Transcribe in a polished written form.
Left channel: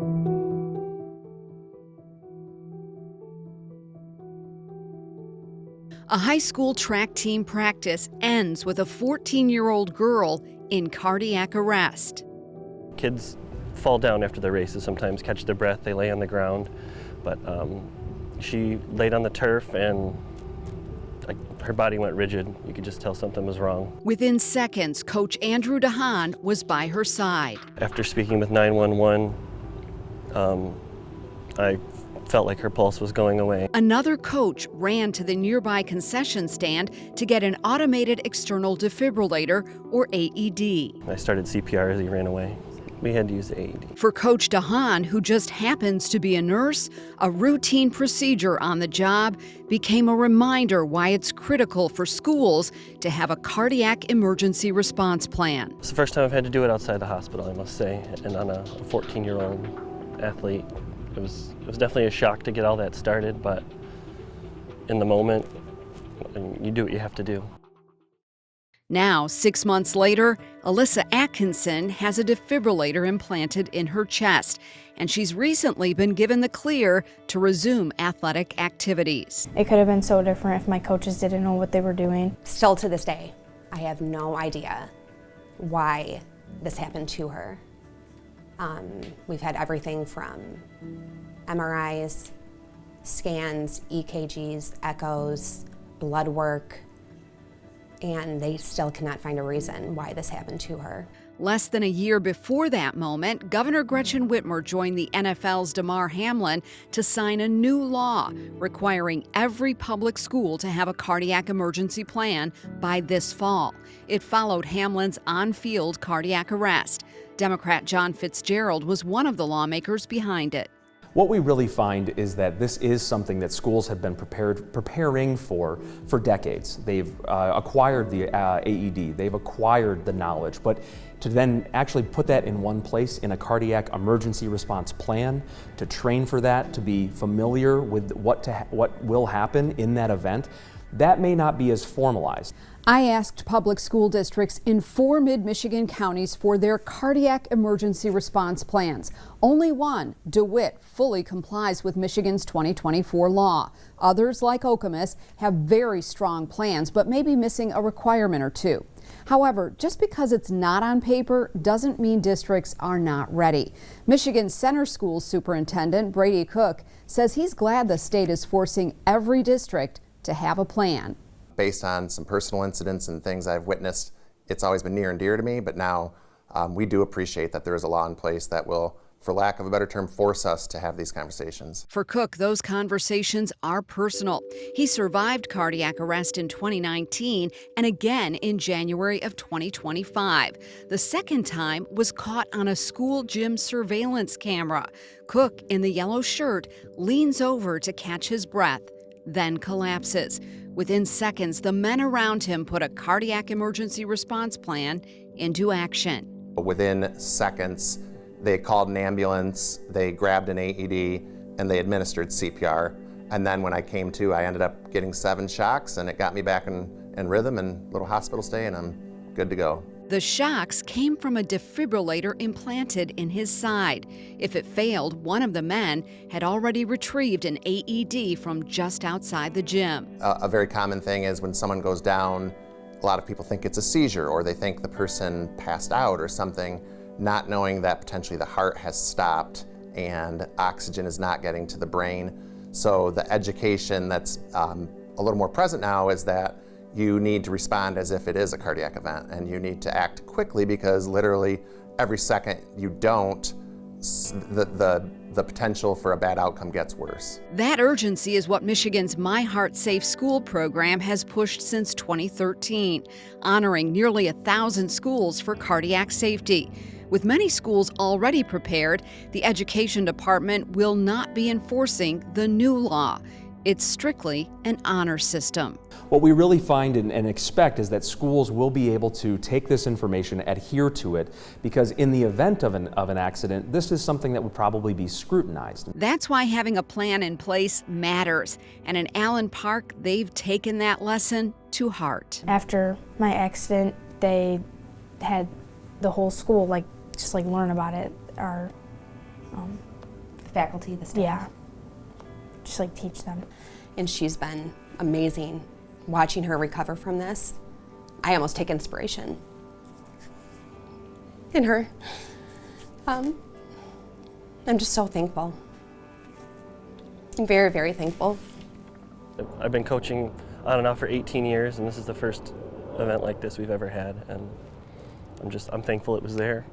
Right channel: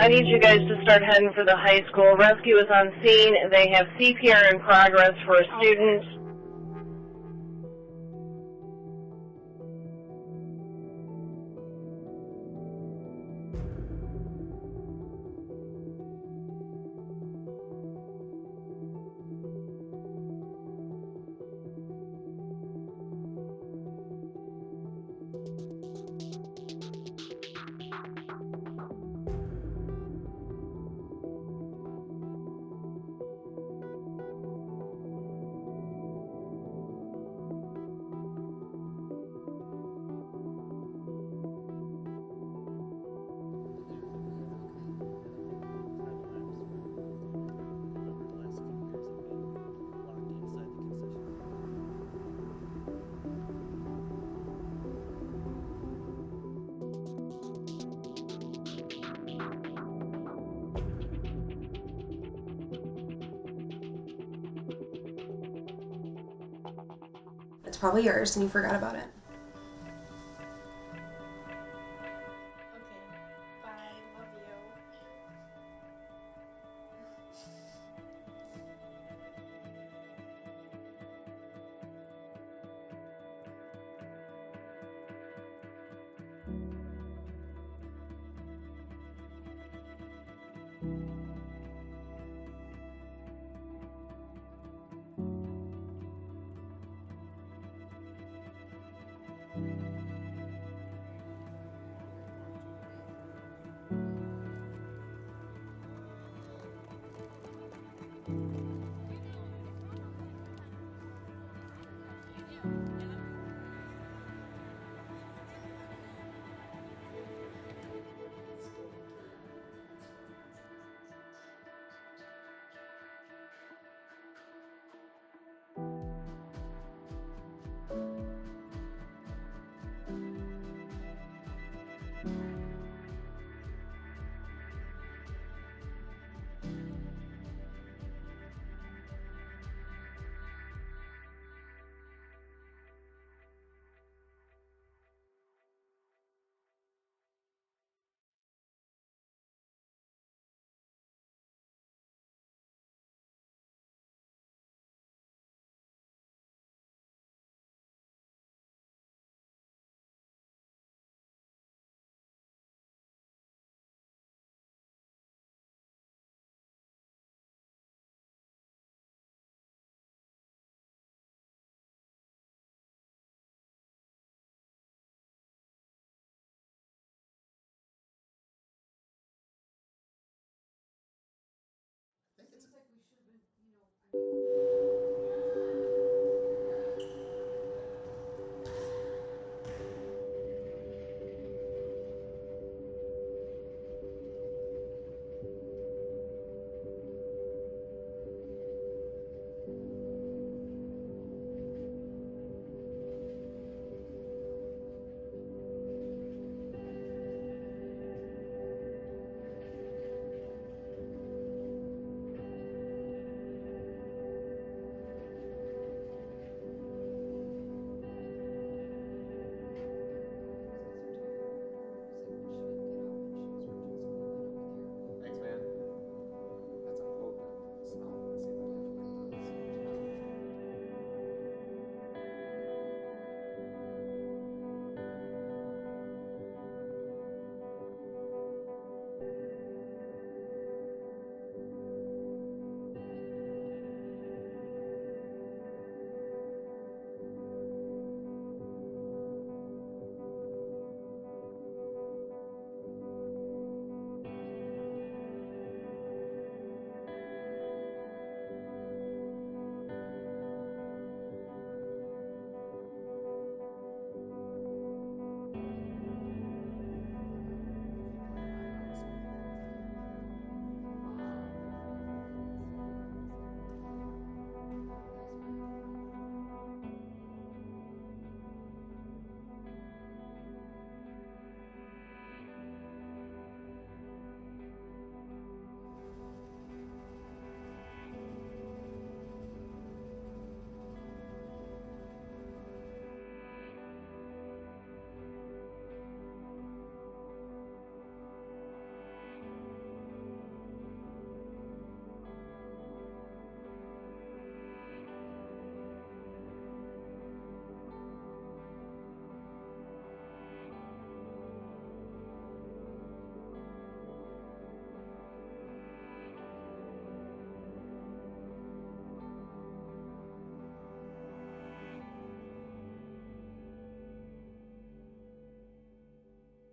I need you guys to start heading for the high school. Rescue is on scene. They have CPR in progress for a student. A high school track team practice ends with a 14-year-old girl in cardiac arrest. Kids fall down after the races, sometimes catch their breath, they lay on the ground. But she laid on the turf and her body went rigid. You could just tell something was wrong. Within seconds, Coach Andrew DeHaan was by her side. After speaking with 911, I felt like her pulse was going away. Another coach ran to the nearby concession stand to get an automated external defibrillator, or AED. I started CPR as he ran away. We had to use the AED. For Coach DeHaan, who just happens to be a nurse, a routine procedure on the job became a reminder why it's critical for schools to have a cardiac emergency response plan. It's the first time I've had to do it outside the hospital, I must say, and on a 14-year-old athlete. It was definitely a shock to get all that started, but in the moment, you do what you have to do. It's probably yours and you forgot about it. Now, 6 months later, Alyssa Atkinson has a defibrillator implanted in her chest, and she's recently been given the clear to resume athletic activities. It could have been so different if my coaches didn't know what they were doing. Still to this day, I have no idea why this happened to her. We've had everything from MRIs, scans, EKGs, echoes, blood work, and they still cannot find a reason why this happened to her. Less than a year before that moment, Governor Gretchen Whitmer joined the NFL's Damar Hamlin to sign a new law requiring every public school to have a cardiac emergency plan by this fall. It followed Hamlin's on-field cardiac arrest. Democrat John Fitzgerald was one of the lawmakers behind it. What we really find is that this is something that schools have been preparing for decades. They've acquired the AED, they've acquired the knowledge, but to then actually put that in one place in a cardiac emergency response plan, to train for that, to be familiar with what will happen in that event, that may not be as formalized. I asked public school districts in 4 mid-Michigan counties for their cardiac emergency response plans. Only one, DeWitt, fully complies with Michigan's 2024 law. Others, like Okemos, have very strong plans, but may be missing a requirement or two. However, just because it's not on paper doesn't mean districts are not ready. Michigan Center Schools Superintendent Brady Cook says he's glad the state is forcing every district to have a plan. Based on some personal incidents and things I've witnessed, it's always been near and dear to me, but now we do appreciate that there is a law in place that will, for lack of a better term, force us to have these conversations. For Cook, those conversations are personal. He survived cardiac arrest in 2019 and again in January of 2025. The second time was caught on a school gym surveillance camera. Cook, in the yellow shirt, leans over to catch his breath, then collapses. Within seconds, the men around him put a cardiac emergency response plan into action. Within seconds, they called an ambulance, they grabbed an AED, and they administered CPR. And then when I came to, I ended up getting 7 shocks, and it got me back in rhythm and little hospital stay, and I'm good to go. The shocks came from a defibrillator implanted in his side. If it failed, one of the men had already retrieved an AED from just outside the gym. A very common thing is when someone goes down, a lot of people think it's a seizure, or they think the person passed out or something, not knowing that potentially the heart has stopped and oxygen is not getting to the brain. So the education that's a little more present now is that you need to respond as if it is a cardiac event, and you need to act quickly, because literally every second you don't, the potential for a bad outcome gets worse. That urgency is what Michigan's My Heart Safe School program has pushed since 2013, honoring nearly 1,000 schools for cardiac safety. With many schools already prepared, the Education Department will not be enforcing the new law. It's strictly an honor system. What we really find and expect is that schools will be able to take this information, adhere to it, because in the event of an accident, this is something that would probably be scrutinized. That's why having a plan in place matters. And in Allen Park, they've taken that lesson to heart. After my accident, they had the whole school just learn about it. Our faculty, the staff. Yeah. Just like teach them. And she's been amazing. Watching her recover from this, I almost take inspiration in her. I'm just so thankful. I'm very, very thankful. I've been coaching on and off for 18 years, and this is the first event like this we've ever had, and I'm thankful it was there.